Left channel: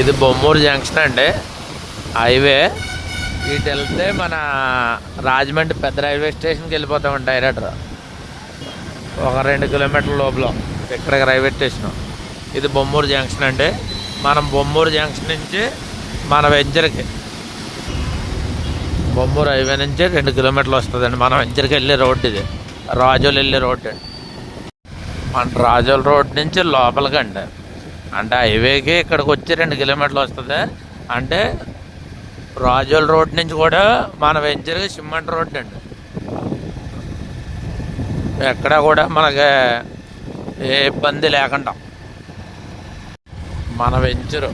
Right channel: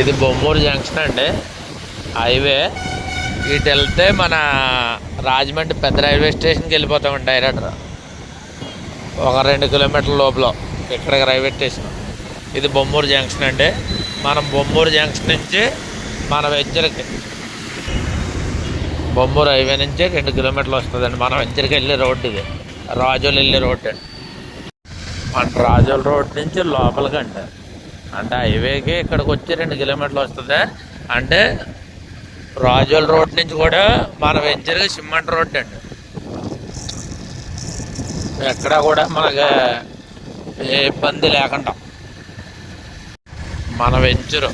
ఇది బొమ్మూరు జంక్షన్ అండి, హైవే. ఇటు వెళ్తే మన రాజమండ్రి పెద్ద రైల్వే స్టేషన్కి వెళ్ళిపోతామండి డైరెక్టర్. ఒక 2 కిలోమీటర్ల లోపల ఇక్కడికి రైల్వే స్టేషన్. ఇది బొమ్మూరు జంక్షన్ అండి. మనం బొమ్మూరు జంక్షన్ నుంచి మన వెంచర్కి బొమ్మూరు హైవే నుంచి 2 కిలోమీటర్లు వస్తుందండి. మనం వెంచర్కి వెళ్ళే రోడ్డు ఇది, రాజోలు వెళ్ళే రోడ్డు అండి. మన రాజోల రోడ్ నుంచి లోపలికండి, అంటే హైవేకి ఇక్కడికి వచ్చి 2 కిలోమీటర్లు వస్తుంది. అంటే రాజోల రోడ్ నుంచి కూడా మన వెంచర్కి సిమెంట్ రోడ్ అండి. ఎక్కడ కూడా మనకి ఏ ఇబ్బంది లేకుండా మన వెంచరు